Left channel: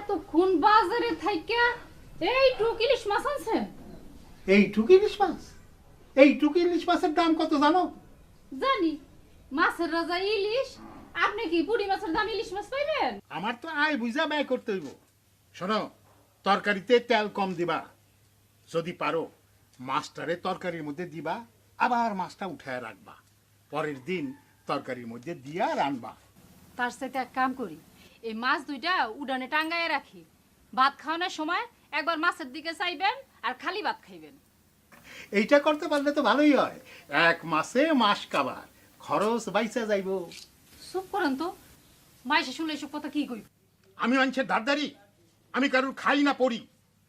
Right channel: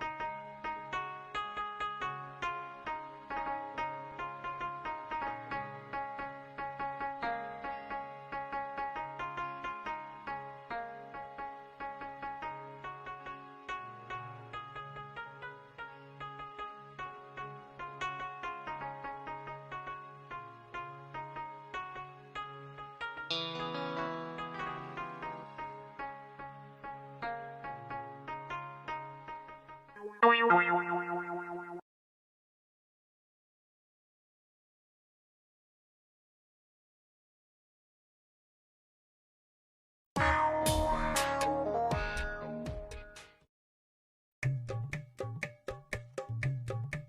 এতক্ষণ বাজারে থাইকা এইটুক ইলিশ মাছ আনছেন? এইটুক ইলিশ মাছ? এইটুক ইলিশ মাছের দাম কত জানো? জানি, মাছের রাজা ইলিশ। আপনি কি পুরি মাছের দাম ইলিশ মাছ পাইবেন? আমার তো আয় বুঝা ব্যয় করতে হইব। শোনো, তরকারিতে তেল কম দিবা, যদি পারো মাছটারে তরকারির মধ্যে দিবা, আবার মাছটা উঠায় রাখবা, পরের দিন তরকারির মধ্যে দিয়া রান্না। তার সাথে এক কাম করি, এই মাছ দুইটা উডানে টাঙ্গায় রাখি, ভাত খাওয়ানোর সময় একবার মাছের দিকে চাইবেন আর খালি ভাত খাইবেন। এইটা করতে পারলে তো ভালোই হয়, এক মাসে মাস কাবার খরচ বাইচা যাইব। চুপ করেন তো, মাইসে শুনলে এসব কথা কি কই? আমি মানুষের ধারদারি? আমি কারোর খাই না পড়ি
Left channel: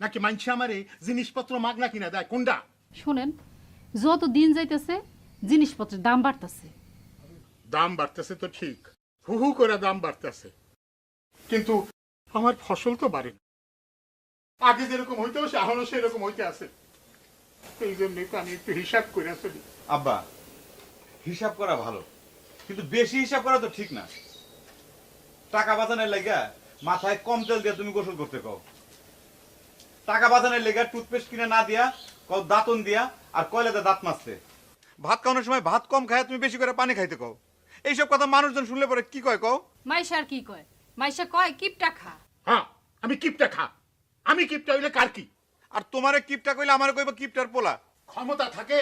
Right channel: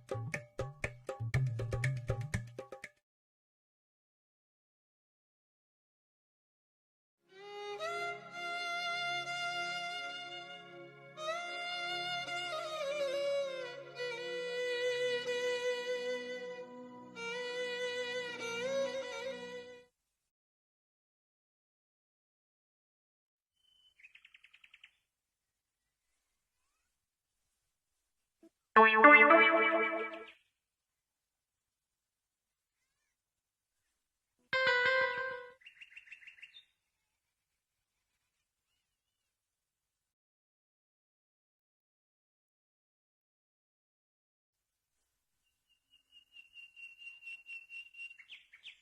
নাকি মানুষে আমারে জিনিসপত্র মাগনা কিনা দেয়? কোনটা? শোনেন, যত দিন যাইতেছে জিনিসপত্রের দাম বাড়তেছে। দাম বাড়তেছে তো ঠিক, হু হু করে দাম বাড়তেছে, কিন্তু আমার ফসল তো বাড়ে। আগে যেরকম হইতে হচ্ছে এখনো সেরকম হইতে আছে। এই জন্যই তো আমি একটু হিসাব করে চলি। আব্বা, হিসাব করা ভালো, কিন্তু বেশি হিসাব করা তো ঠিক না। টাকা বাঁচানোর লাগা মাথায় কম তেল দিয়ে তুমি গোসল করতে কও, টাকা বাঁচানোর লেগা টুথপেস্ট কিনে না দিয়া কও দাঁতন দিয়া, আর কয়লাতে দাঁত মাজতে। ভাত খাওয়ানোর সময় ভাত কম খায় তুমি বেশি করে পানি খাইতে কও। এইসব কথা মানুষজন শুনলে পরে কি কয় কও? মাইসা আর কি কয়? মাইসা কয় কিপটা খা। হ্যাঁ, আমি কিপটা খা। আমি কিপটা হইলে কার কি? আর তোমারে কিপটা কইলে আমারে কইবা কিপটার পোলা। ক্ষমতা থাকে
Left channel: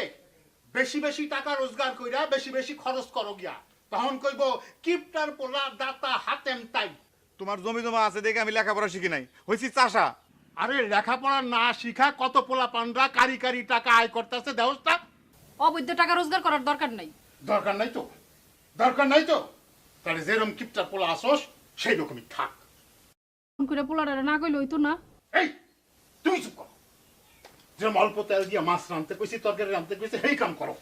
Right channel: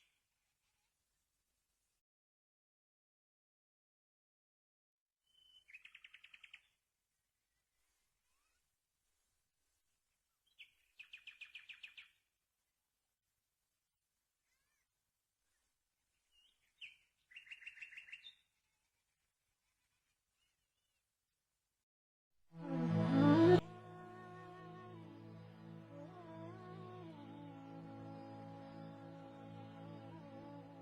বেশি বেশি টাকা রোজগার কইরা বেশি বেশি খরচ করো গিয়া, তখন কইব কিপটার পোলা দাতা হাতেম তাই। তোমার জমি জমা আছে দেখে আমি লেখাপড়া শিখি নাই, হইছি চাষা। আরে লেখাপড়া না শিখা কত পোলা পান্ডা কারি কারি টাকা আয় করতেছে দেহসটা। অবৈধ টাকা রোজগার করার দরকার নাই। দরকার নাই তো, দরকার নাই তো। তাহলে যেরকম কিপটার পোলা আসোস সেই রকমই থাক। ফোন করে পোলারে না কইলে হইতো না। এই তুমি চুপ করো। যেরকম অল্প তেল দিয়ে মাছ রাঁধতে কইছি, তরকারি রাঁধতে কইছি, সেই কাম করো।